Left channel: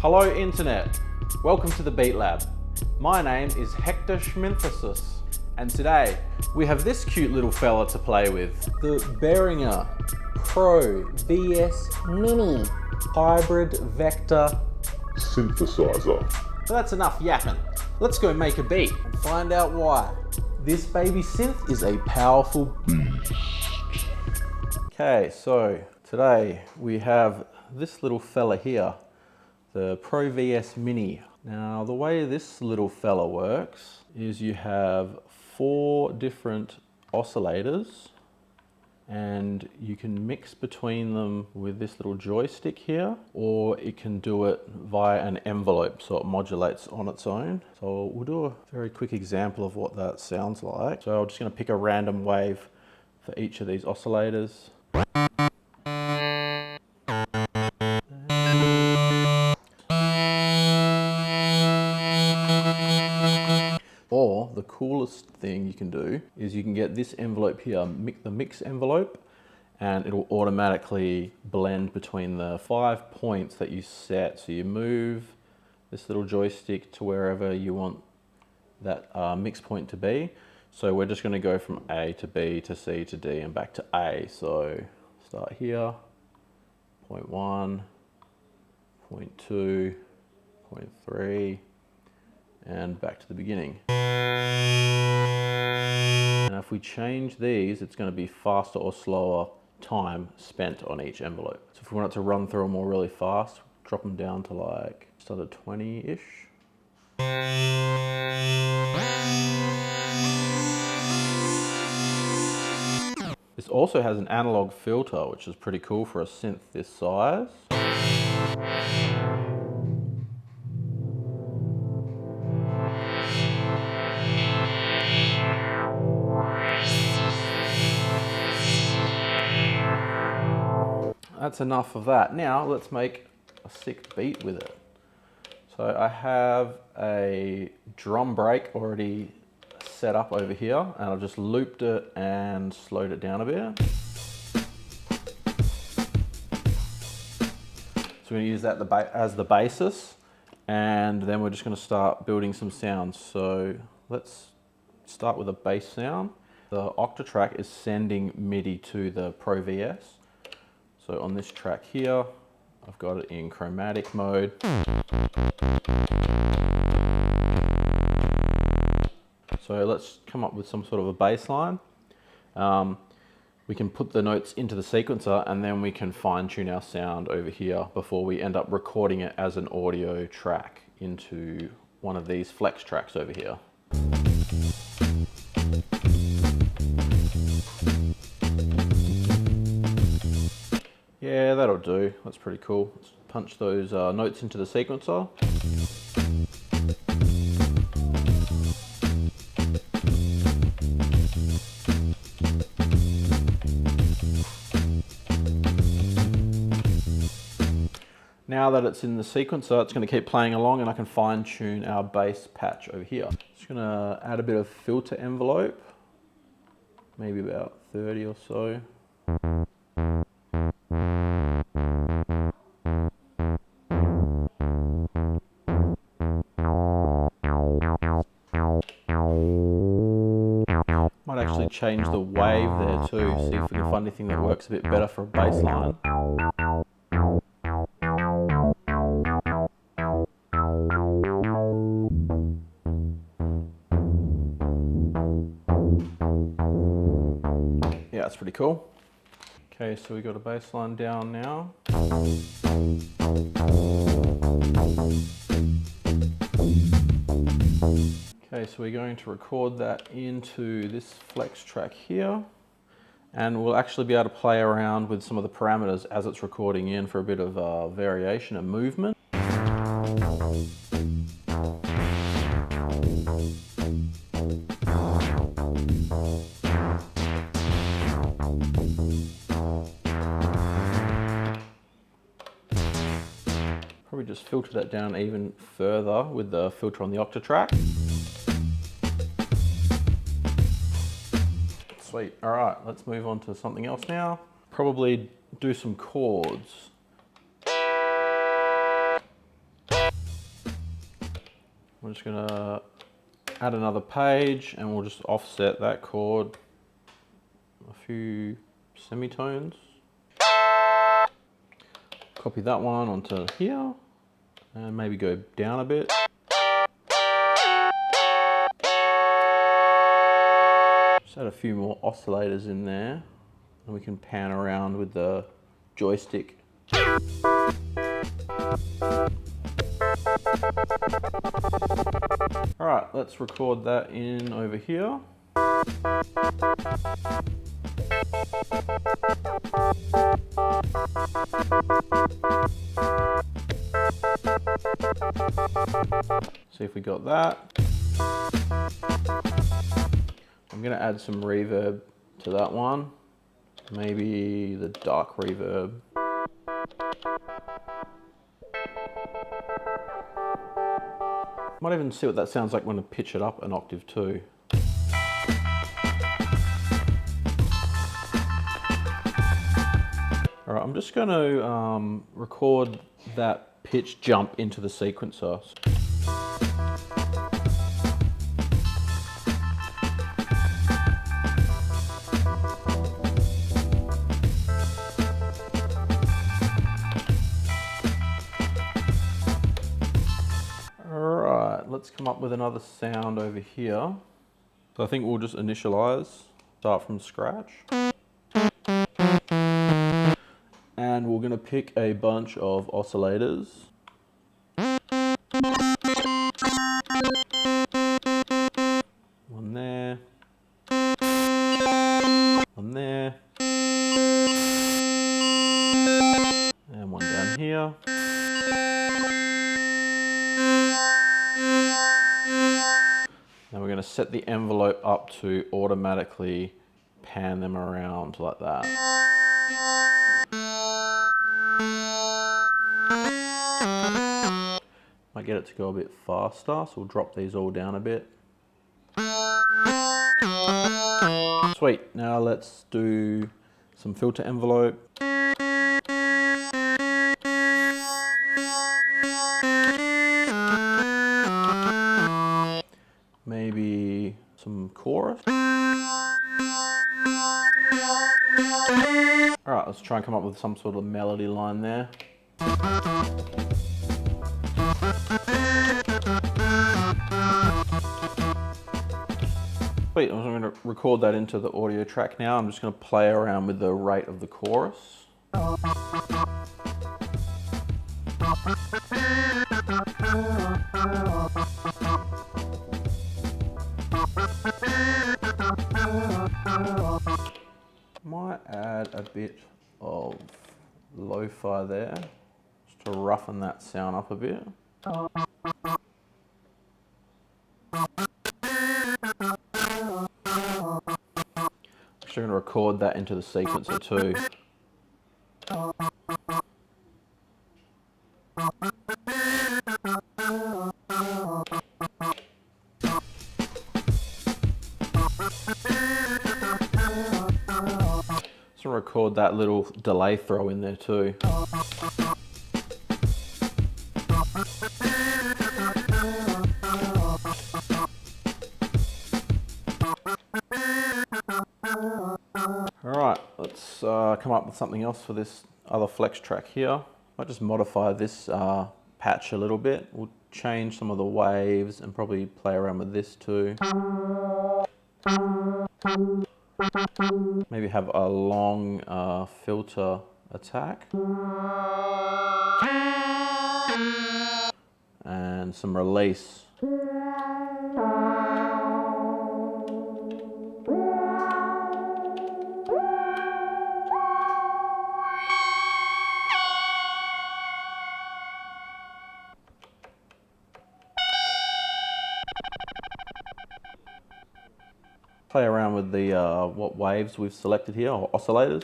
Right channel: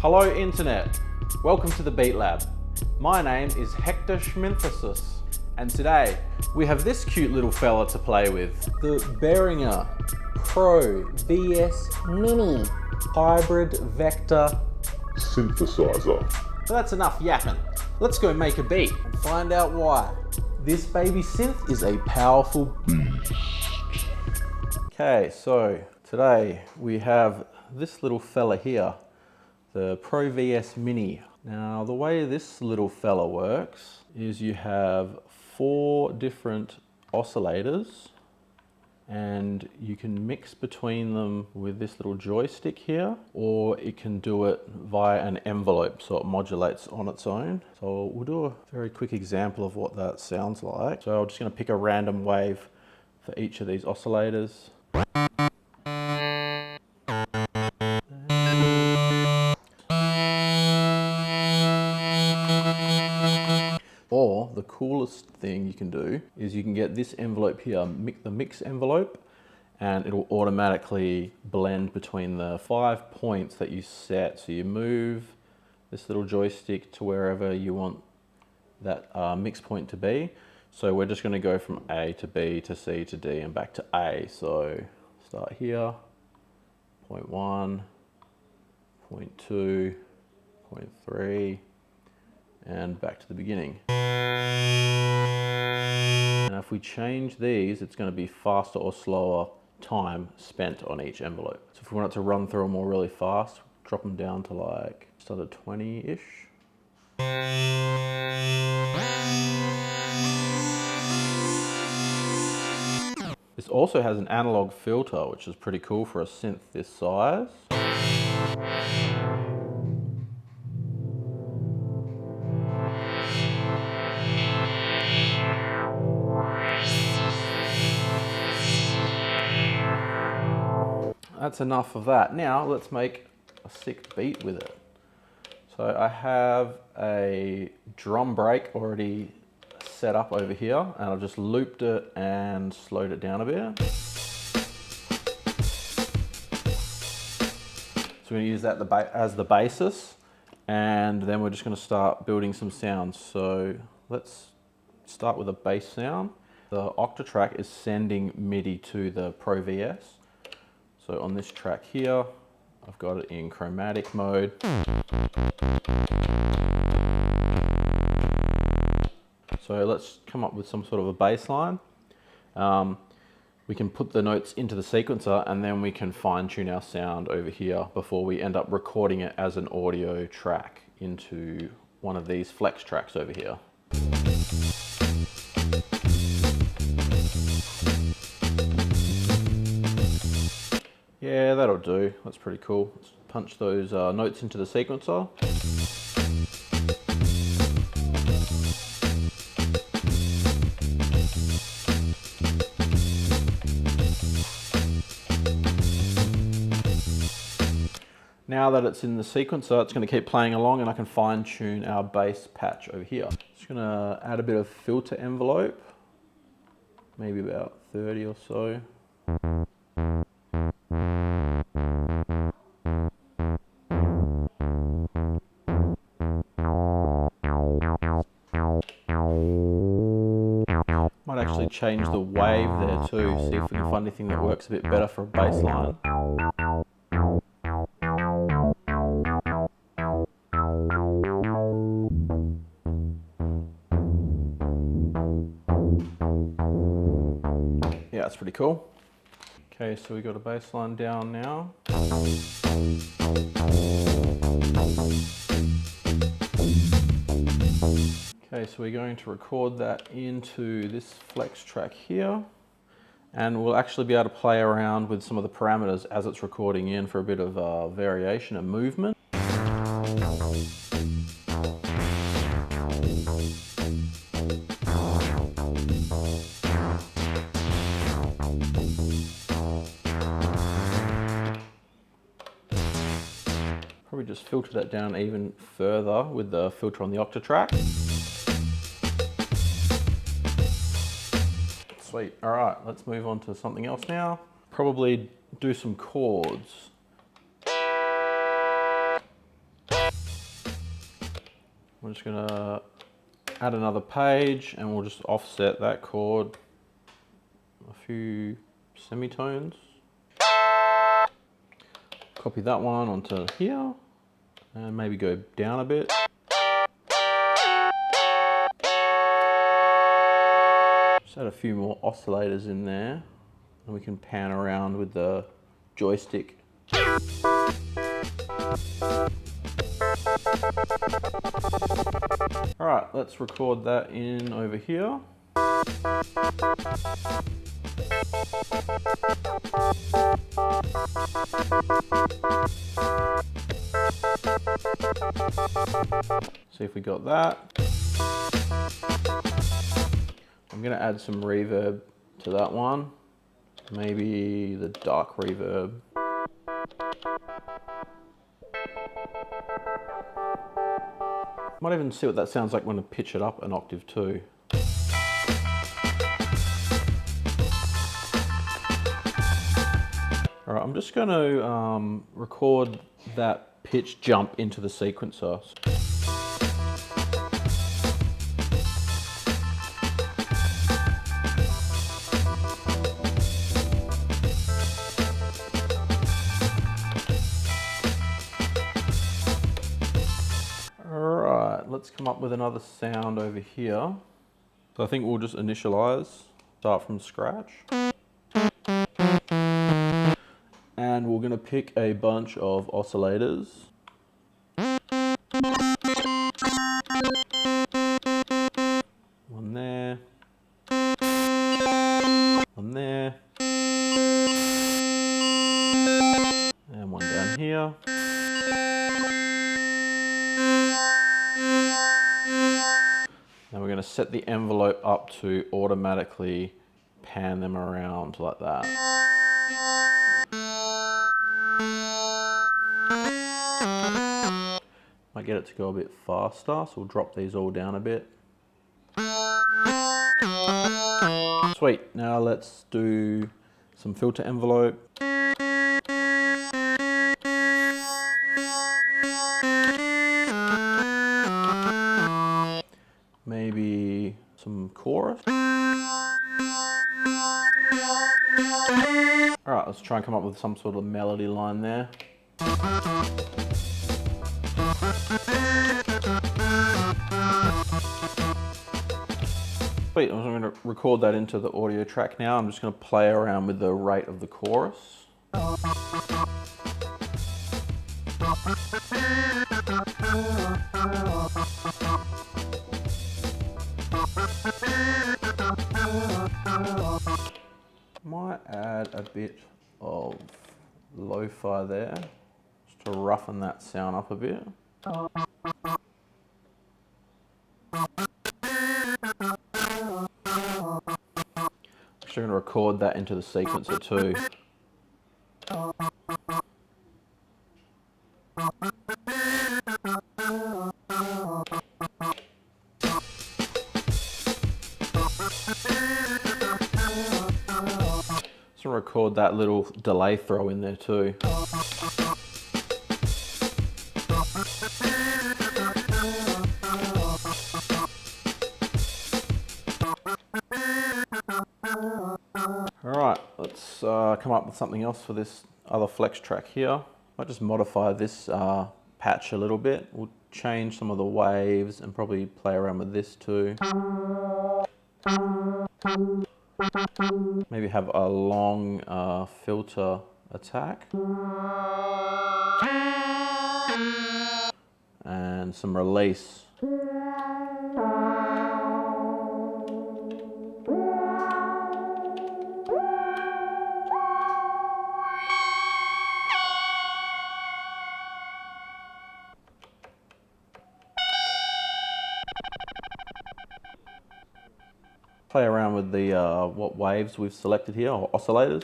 Hello Internet, welcome to the Beat Lab. My name is Hector Schminthesis, and today we have this cute little fella to play with. The Behringer Pro VS Mini Hybrid Vector Synthesizer. So that's enough yapping. Let's go make a beat and find out why. This baby synth is a powerful beast. Okay, so today we have this little fella here, the Pro VS Mini. Now the way this little fella works is you have 4 different oscillators and you can mix between them with this little joystick here, or it can do it via an envelope so it modulates on its own. So we'll do a very quick example of what that sounds like. So I'm just going to pick a random wave for each of these oscillators. Or the coolest thing you can do is you can get this envelope here, the mix envelope, and it'll automatically blend between the 5 points that you set. So you move this little joystick to wherever you want that mix point to be. So we're just going to go from A to B to C to D and back to A. So start here, point 1, point 2, point 3, and back to the beginning. And if we change these, it's going to be faster or slower time spent on each envelope. So if we want it to run through them all really fast, drop them down to like just under 20-ish. This also has an analog filter, which is pretty cool for a synth this size. That's enough of that. Now let's make a sick beat with it. So I have a drum break already set up over here, and I've just looped it and slowed it down a bit. So we're going to use that as the basis, and then we're just going to start building some sounds. So let's start with a bass sound. The Octatrack is sending MIDI to the Pro VS. So on this track here, I've got it in chromatic mode. So let's come up with some sort of a bass line. We can put the notes into the sequencer and then we can fine tune our sound over here before we end up recording it as an audio track into one of these flex tracks over here. Yeah, that'll do. That's pretty cool. Let's punch those notes into the sequencer. Now that it's in the sequencer, it's going to keep playing along and I can fine tune our bass patch over here. Just going to add a bit of filter envelope, maybe about 30 or so. Might actually change the wave there too, see if we can find anything that works a bit better for a bass line. Yeah, that's pretty cool. Okay, so we got a bass line down now. Okay, so we're going to record that into this flex track here, and we'll actually be able to play around with some of the parameters as it's recording in for a bit of variation and movement. Probably just filter that down even further with the filter on the Octatrack. Sweet. All right, let's move on to something else now. Probably do some chords. we're just gonna add another page and we'll just offset that chord a few semitones. Copy that one onto here and maybe go down a bit. Just add a few more oscillators in there and we can pan around with the joystick. All right, let's record that in over here. See if we got that. I'm gonna add some reverb to that one. Maybe the dark reverb. Might even see what that sounds like when I pitch it up an octave too. All right, I'm just going to record that pitch jump into the sequencer. Let's come up with another sound over here. So I think we'll just initialize, start from scratch. And we're going to pick a bunch of oscillators. One there. One there. And one down here. Now we're going to set the envelope up to automatically pan them around like that. Might get it to go a bit faster, so we'll drop these all down a bit. Sweet, now let's do some filter envelope. Maybe some chorus. All right, let's try and come up with some sort of melody line there. Sweet, I'm going to record that into the audio track now. I'm just going to play around with the rate of the chorus. Might add a bit of lo-fi there, just to roughen that sound up a bit. Actually, I'm going to record that into the sequencer too. So record that little delay throw in there too. Alright, let's come up with something else for this other flex track here. I'll just modify this patch a little bit. We'll change some of the waves and probably play around with this too. Maybe have a long filter attack. And some release. Play around with the what waves we've selected here, or oscillators.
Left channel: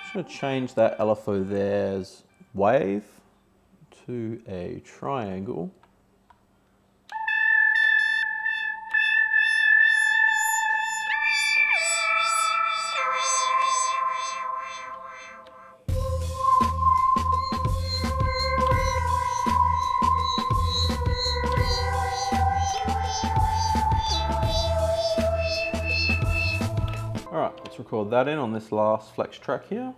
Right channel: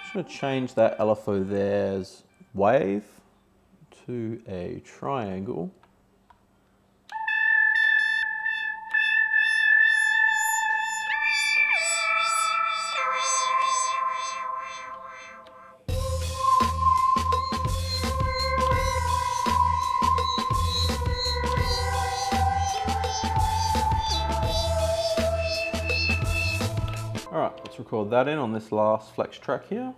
Just going to change that LFO there's wave to a triangle. Let's record that in on this last flex track here.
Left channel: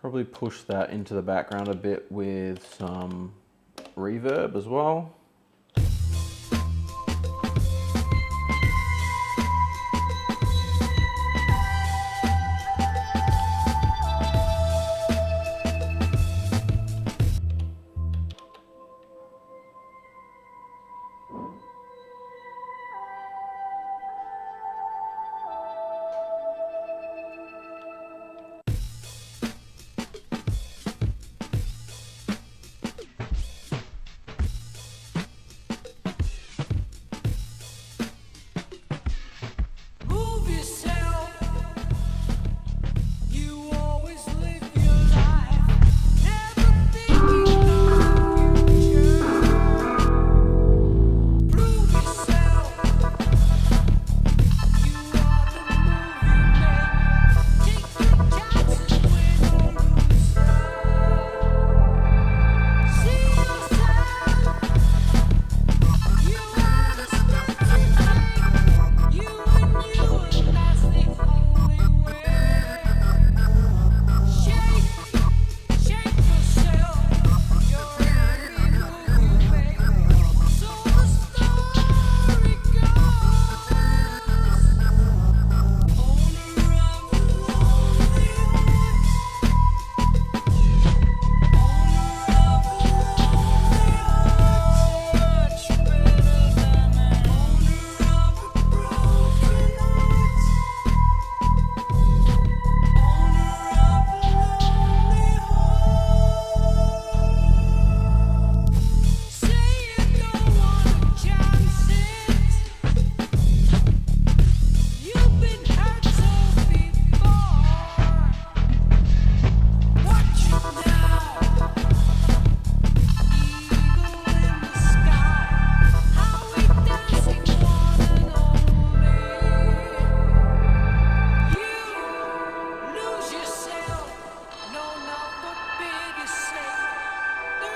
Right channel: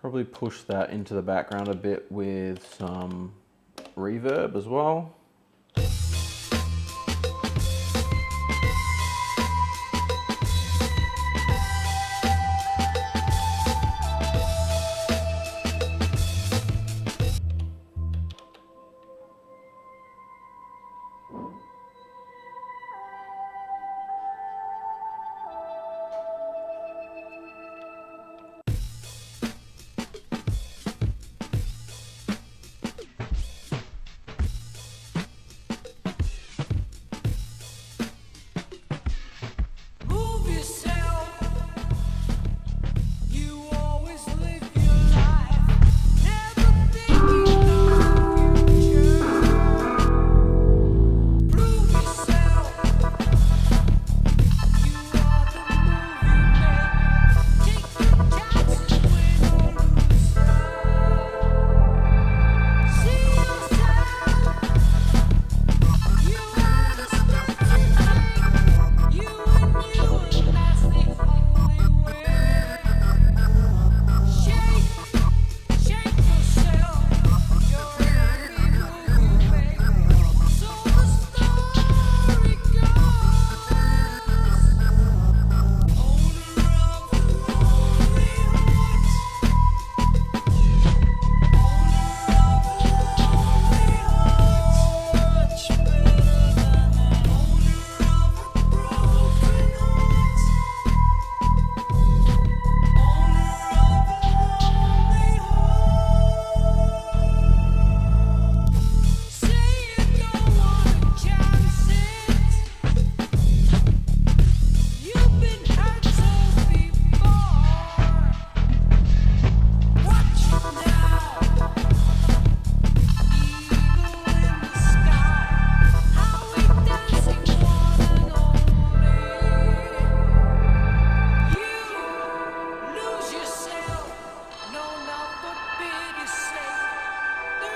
Probably push that into the background a bit with some reverb as well.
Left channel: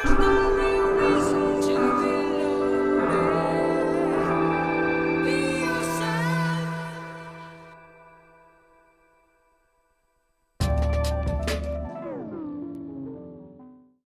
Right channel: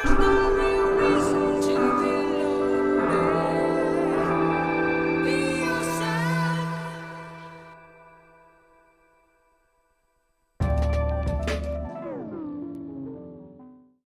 No